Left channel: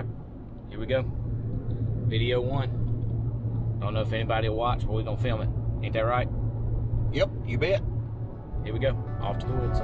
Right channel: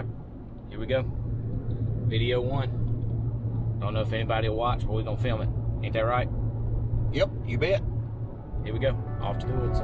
Alright, here we go. Video 1. Don't know if anybody will watch, but we're gonna film it. Ain't that right? Yep, you bet. Here we go. Off to the woods.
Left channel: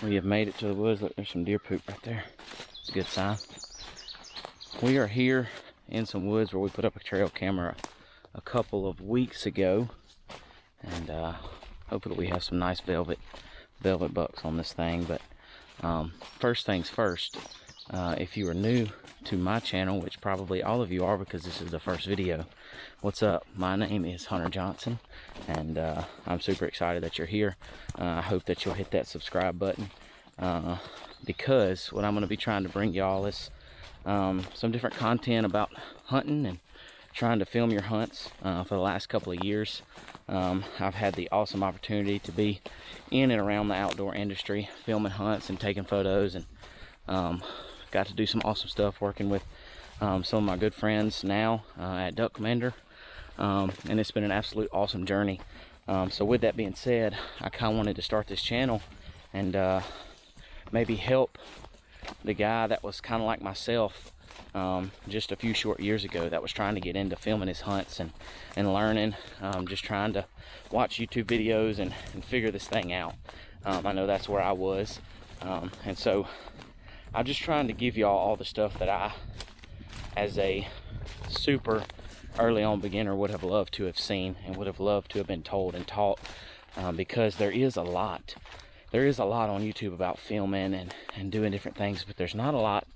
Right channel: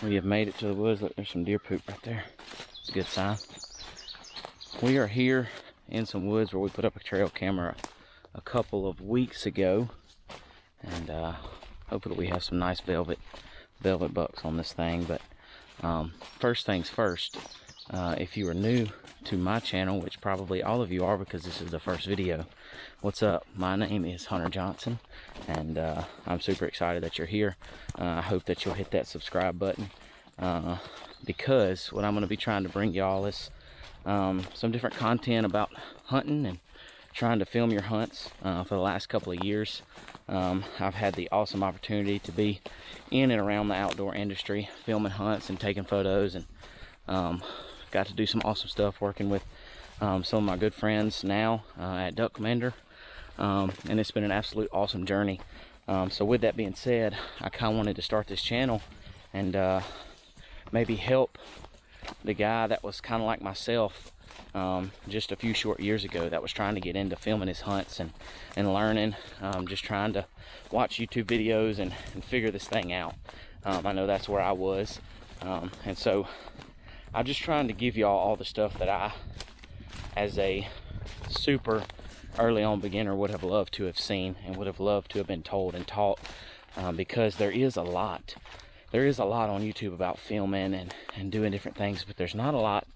We have made it to the woods. Look, there's some deer poop right there. It's a good sign. We are here in some woods where we put up a trail camera a couple of weeks ago, and hopefully we have some nice velvet bucks on this thing. But first things first, if you are new to my channel, which probably all of you are because this is the first video, what's up? My name is Hunter Johnson, and I'm super excited that you're here. I hope that you'll hit that subscribe button, because what I'm going to be trying to bring y'all is some different content about hunting and trying to film your hunts. For the last couple of years, I've had the awesome opportunity to be in and around the outdoor industry, filming hunts and taking photos, and got to do some awesome stuff working with some of my good friends now at Duck Commander, and it's been an absolute awesome journey. So with that being said, I kind of wanted to start this channel and maybe help the guy that was kind of like myself just a few short years ago, that was trying to get into filming his hunts and learning, just trying to watch YouTube videos and figure this thing out. I know that's where I was, and so I'm just trying to give y'all all the stuff that I, as a super early on beginner, would have loved to have seen and would have loved to have been told and taught, because there is a lot on YouTube about filming and doing different things, but there's not a lot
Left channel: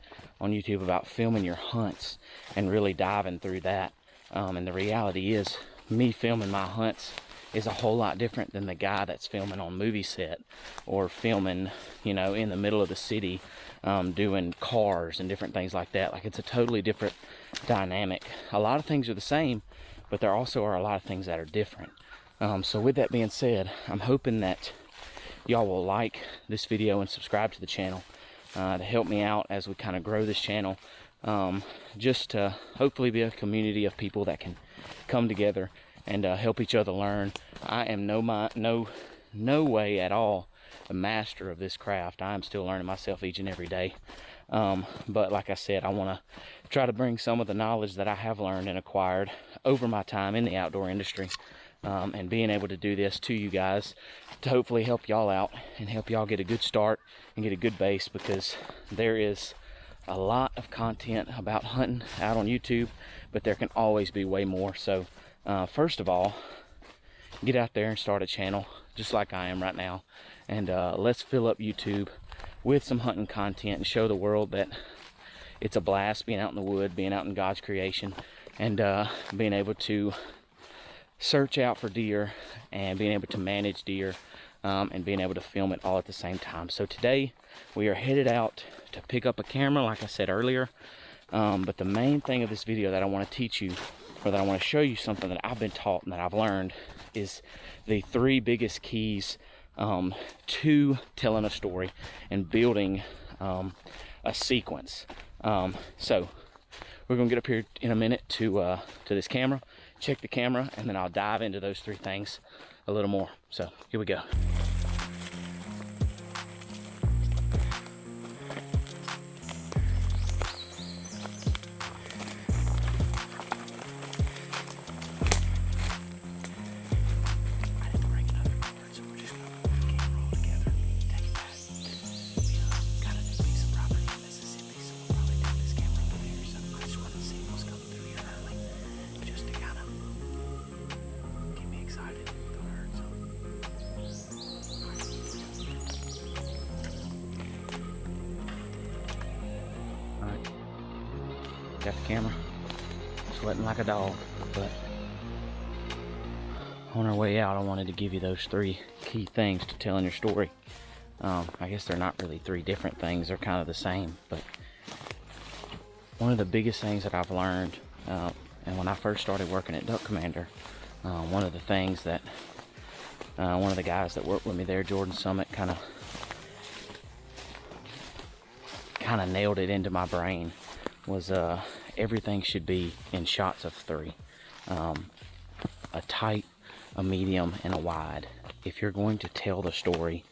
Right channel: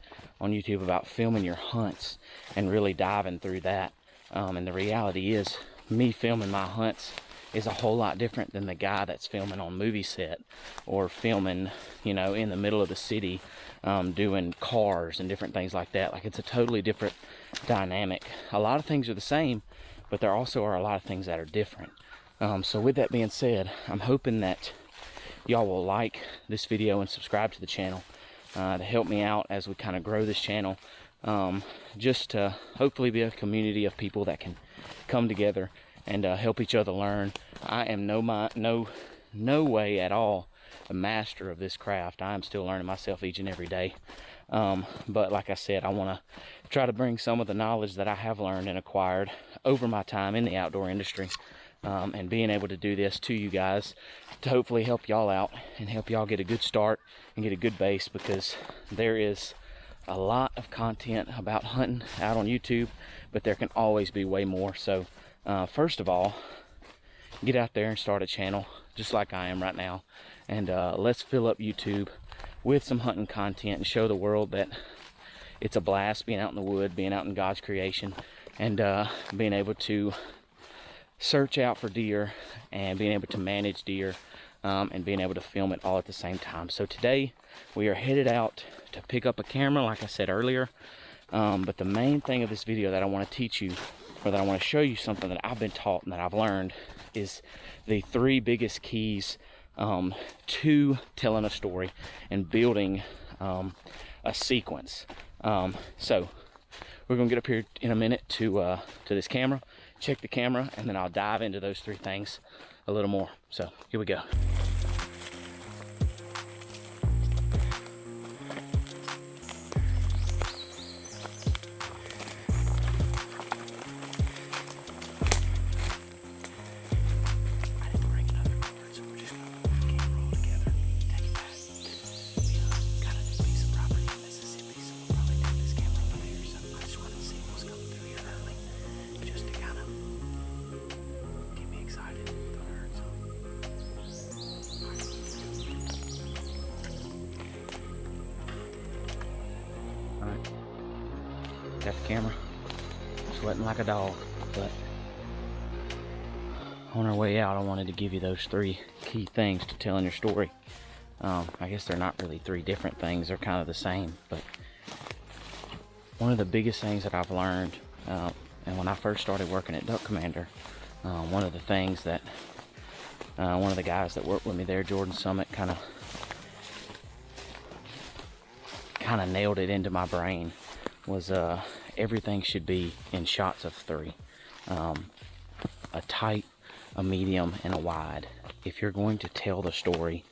on YouTube about filming your hunts and really diving through that. And the reality is, me filming my hunts is a whole lot different than the guy that's filming on movie set or filming, you know, in the middle of the city, doing cars and different things like that. Like, it's a totally different dynamic. A lot of things are the same, but there also are a lot of things that are different. So with that being said, I'm hoping that y'all will like this video and subscribe to the channel to help me out as we kind of grow this channel, just to hopefully be a community of people that can come together and help each other learn. I am no way at all a master of this craft. I am still learning myself each and every day. But like I said, I want to try to bring some of the knowledge that I have learned and acquired over my time in the outdoor industry, and being able to do this to you guys to hopefully help y'all out and help y'all get a good start and get a good base, because there is a lot of content about hunting out on YouTube, but there can always be way more. So first of all, get out there and start a channel just like I am right now, and let's fill up YouTube with some hunting content and show the world that it's a blast being out in the wood, being out in God's creation, and being able to search out for deer and being able to manage deer, and being able to film it all at the same time. So today we are headed out to pick up a camera, like I said earlier, but the main thing of this video that I want to teach you, or that I want to show you something that I've been taught and that I've learned, is the 3 biggest keys to telling a story and building a sequence. So we're gonna get up here in a minute to this camera, check the camera, and then I'll dive into those 3 things a little more. So here we go. Got the camera sweating like a dog, but on our way out, I wanted to give you those 3 key things to telling your story. I guess they're not really 3 different things, they're kind of the same, but one of the biggest things that I've learned, and when I first started working at Duck Commander, one of the things that one of the guys that worked with me there, Jordan Summit, kind of nailed it into my brain, was everything should be in shots of 3. A tight, a medium, and a wide. If you're going to tell the story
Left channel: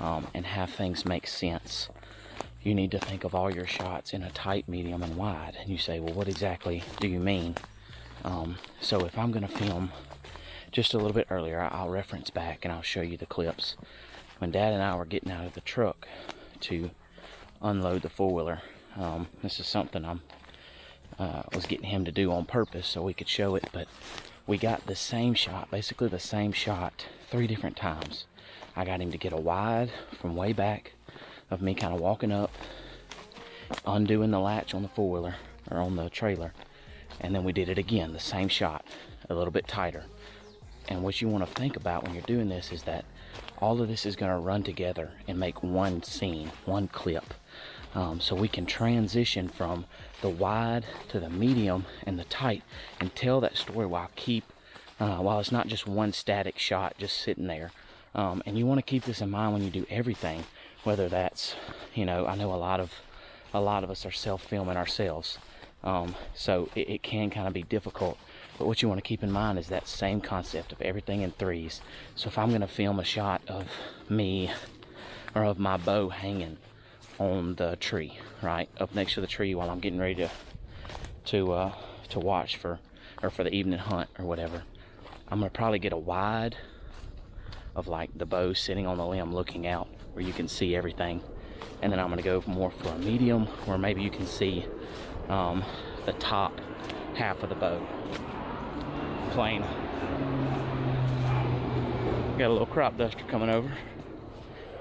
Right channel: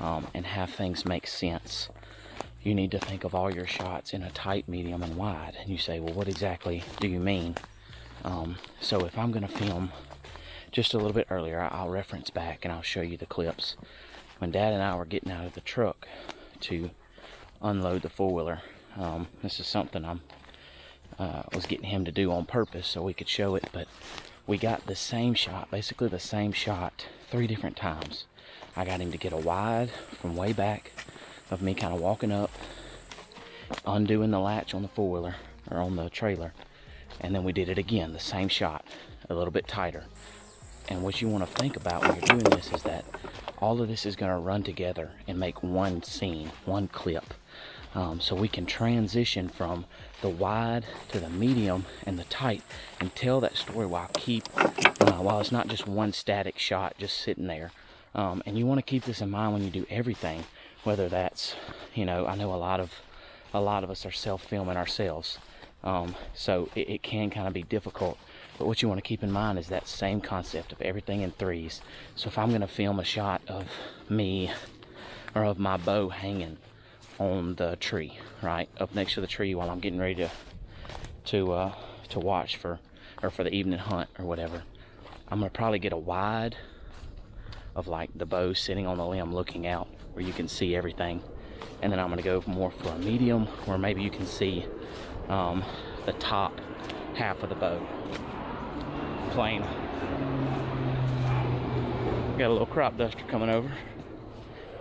and have things make sense, you need to think of all your shots in a tight, medium, and wide. And you say, well, what exactly do you mean? So if I'm going to film just a little bit earlier, I'll reference back and I'll show you the clips. When Dad and I were getting out of the truck to unload the 4-wheeler, this is something I was getting him to do on purpose so we could show it, but we got the same shot, basically the same shot, 3 different times. I got him to get a wide from way back of me kind of walking up, undoing the latch on the 4-wheeler, or on the trailer, and then we did it again, the same shot, a little bit tighter. And what you want to think about when you're doing this is that all of this is going to run together and make one scene, one clip. So we can transition from the wide to the medium and the tight and tell that story while it's not just one static shot just sitting there. And you want to keep this in mind when you do everything, whether that's, I know a lot of us are self-filming ourselves. So it can kind of be difficult, but what you want to keep in mind is that same concept of everything in 3s. So if I'm going to film a shot of me or of my bow hanging on the tree, right up next to the tree while I'm getting ready to watch for the evening hunt or whatever, I'm gonna probably get a wide of like the bow sitting on the limb looking out where you can see everything, and then I'm gonna go more for a medium where maybe you can see the top half of the bow. Plain. Got a little crop duster coming over.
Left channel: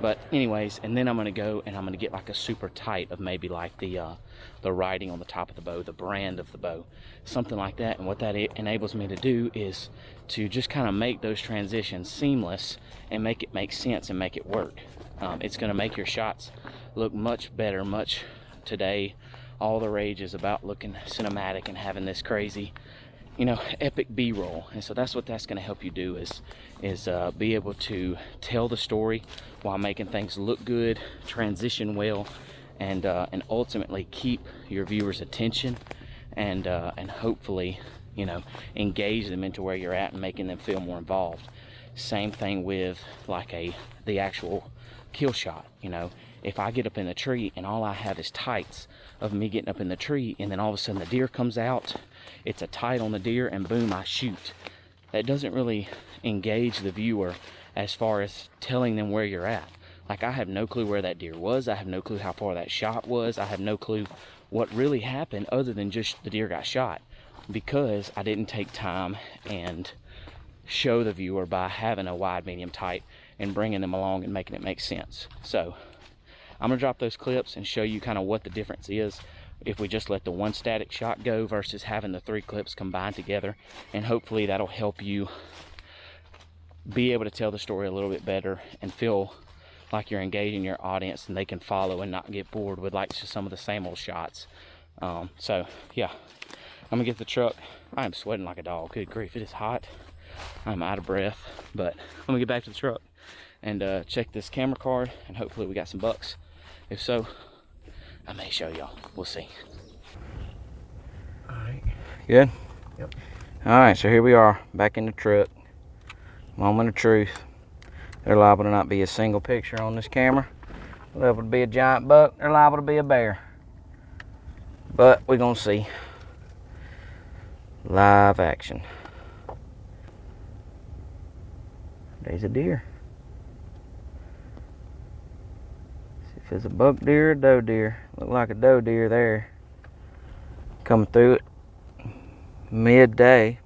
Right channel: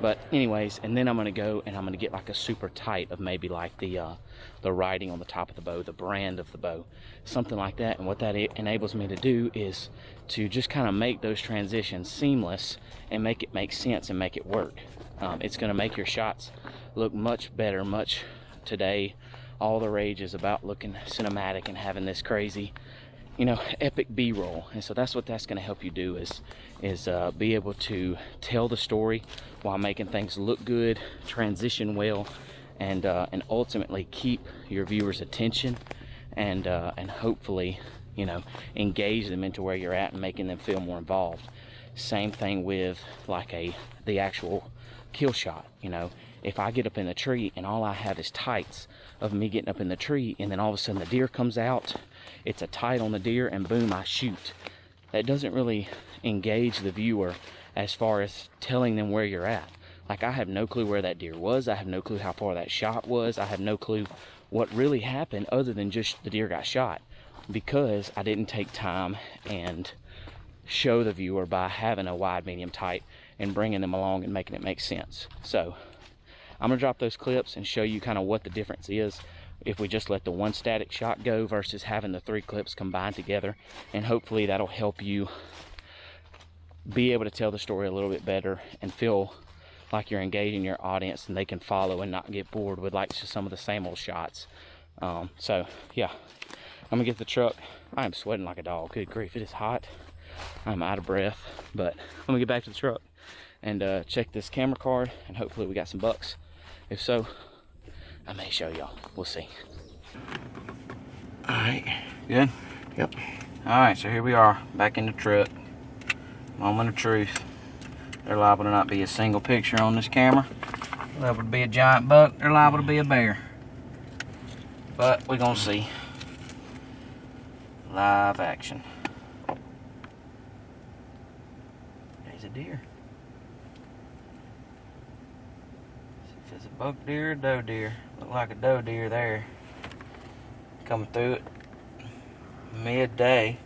But anyways, and then I'm gonna go and I'm gonna get like a super tight of maybe like the writing on the top of the bow, the brand of the bow, something like that. And what that enables me to do is to just kind of make those transitions seamless and make it make sense and make it work. It's gonna make your shots look much better. Today, all the rage is about looking cinematic and having this crazy, epic B-roll. And so that's what that's going to help you do is be able to tell the story while making things look good, transition well, and ultimately keep your viewers' attention and hopefully, engage them into where you're at and making them feel more involved. Same thing with like the actual kill shot. If I get up in the tree and all I have is tights of me getting up in the tree, and then all of a sudden the deer comes out, it's a tight on the deer, and boom, I shoot. That doesn't really engage the viewer as far as telling them where you're at. Like, I have no clue where that deer was. I have no clue how far that shot was. I have no clue what really happened other than just the deer got shot, because I didn't take time and show the viewer by having a wide, medium, tight and bringing them along and making it make sense. So I'm gonna drop those clips and show you kind of what the difference is if we just let the one static shot go versus having the 3 clips combined together, and hopefully that'll help you be able to tell the story a little bit better and feel like you're engaging your audience and they can follow and not get bored with like just some of the same old shots. So yeah, I'm gonna get the truck. I am sweating like a dog. Good grief, it is hot. I'm out of breath, but I'm gonna get back to the truck and check this camera card, and hopefully we got some bucks. If so, I may show y'all. We'll see. All right, good? Yep. All right, so here we are, back in the truck. Moment of truth. They're liable to not be a single picture on this camera. Liable to be a giant buck. They're liable to be a bear. But we're gonna see. Live action. There's a deer. See if it's a buck deer or a doe deer. Look like a doe deer there. Coming through it midday.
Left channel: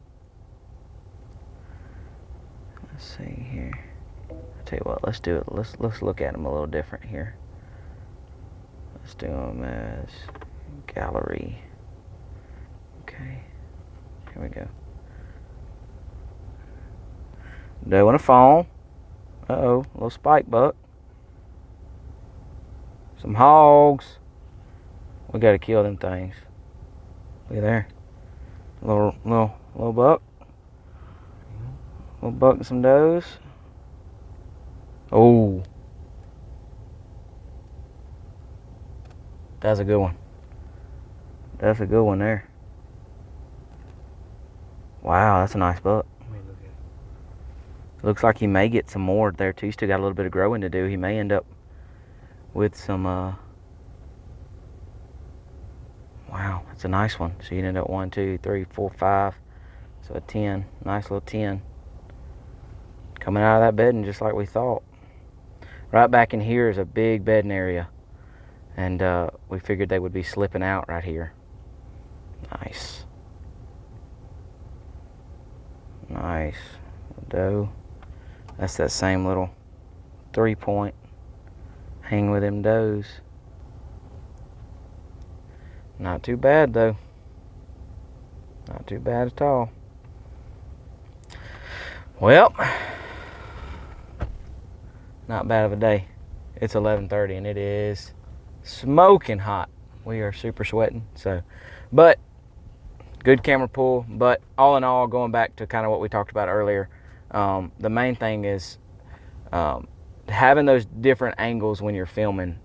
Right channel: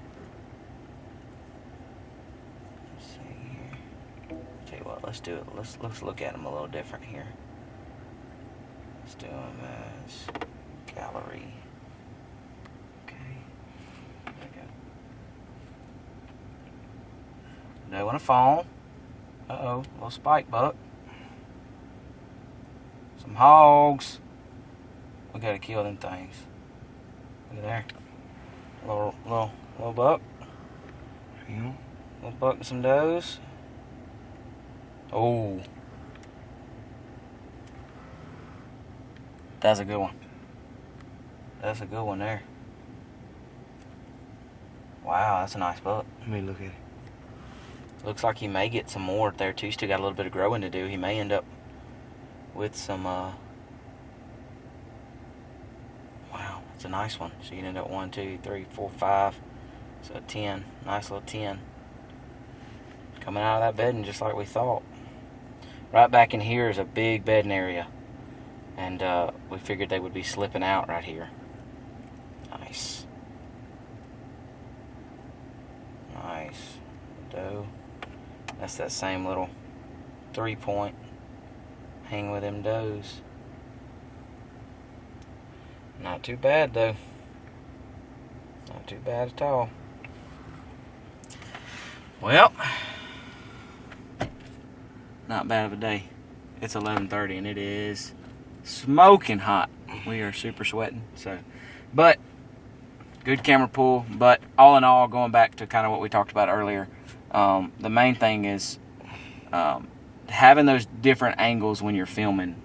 Let's see here. I'll tell you what, let's do it. Let's look at them a little different here. Let's do them as gallery. Okay. Here we go. Doe and a fawn. Uh-oh, a little spike buck. Some hogs. We gotta kill them things. Look at there. Little buck. Little buck and some does. Oh. That's a good one. That's a good one there. Wow, that's a nice buck. Let me look at it. Looks like he may get some more there too. Still got a little bit of growing to do. He may end up with some, wow, that's a nice one. So you'd end up 1, 2, 3, 4, 5. So a 10. Nice little 10. Coming out of that bedding just like we thought. Right back in here is a big bedding area. And we figured they would be slipping out right here. Nice. Nice. Doe. That's that same little 3-point. Hang with them does. Not too bad though. Not too bad at all. Well, not bad of a day. It's 11:30 and it is smoking hot. We are super sweating. So, but good camera pull. But all in all, going back to kind of what we talked about earlier, the main thing is having those different angles when you're filming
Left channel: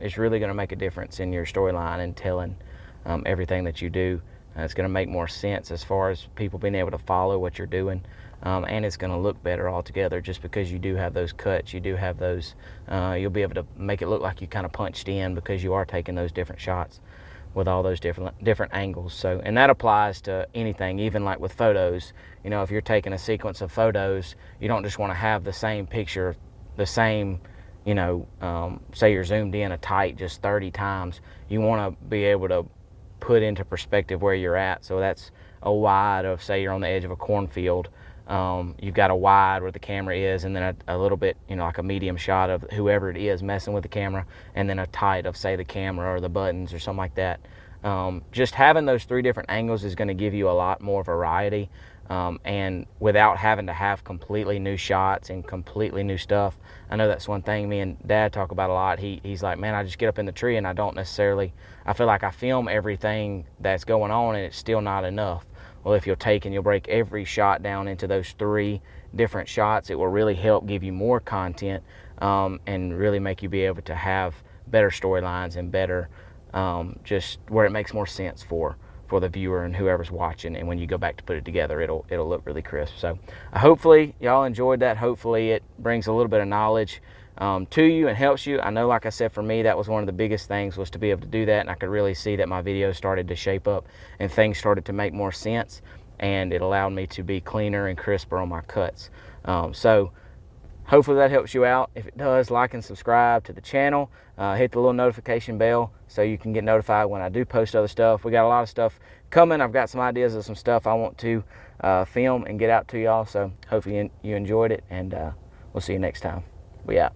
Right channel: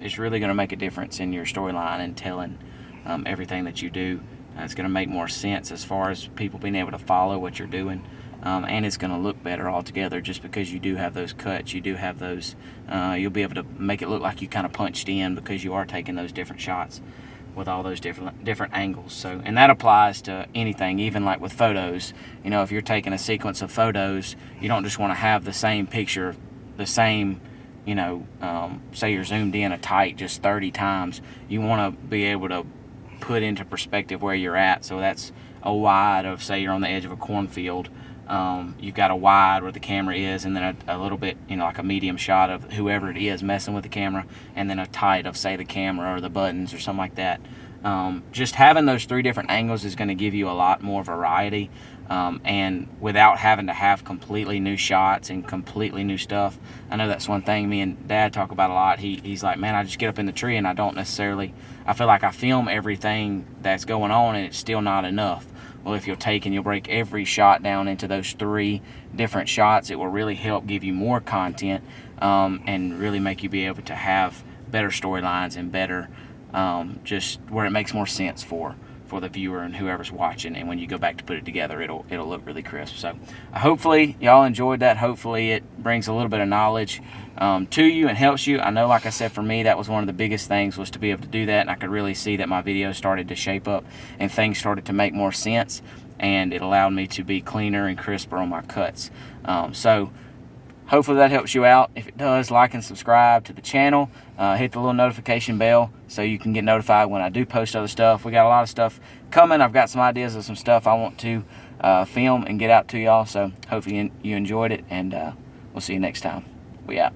is really going to make a difference in your storyline and telling everything that you do. It's going to make more sense as far as people being able to follow what you're doing. And it's going to look better altogether just because you do have those cuts. You do have those, you'll be able to make it look like you kind of punched in because you are taking those different shots with all those different angles. So, and that applies to anything, even like with photos. You know, if you're taking a sequence of photos, you don't just want to have the same picture, the same, you know, say you're zoomed in a tight just 30 times. You want to be able to put into perspective where you're at. So that's a wide of, say you're on the edge of a cornfield. You've got a wide where the camera is, and then a little bit, you know, like a medium shot of whoever it is messing with the camera, and then a tight of, say, the camera or the buttons or something like that. Just having those 3 different angles is going to give you a lot more variety, and without having to have completely new shots and completely new stuff. I know that's one thing me and Dad talk about a lot. He's like, man, I just get up in the tree and I feel like I film everything that's going on and it's still not enough. Well, if you'll take and you'll break every shot down into those 3 different shots, it will really help give you more content, and really make you be able to have better storylines and better, just where it makes more sense for the viewer and whoever's watching. And when you go back to put it together, it'll look really crisp. So hopefully y'all enjoyed that. Hopefully it brings a little bit of knowledge to you and helps you. I know, like I said, for me, that was one of the biggest things, was to be able to do that. And I could really see that my videos started to shape up and things started to make more sense. And it allowed me to be cleaner and crisper on my cuts. So hopefully that helps you out. If it does, like and subscribe to the channel. Hit the little notification bell so you can get notified when I do post other stuff. We got a lot of stuff coming. I've got some ideas of some stuff I want to film and get out to y'all. So hopefully you enjoyed it, and we'll see you next time. We out.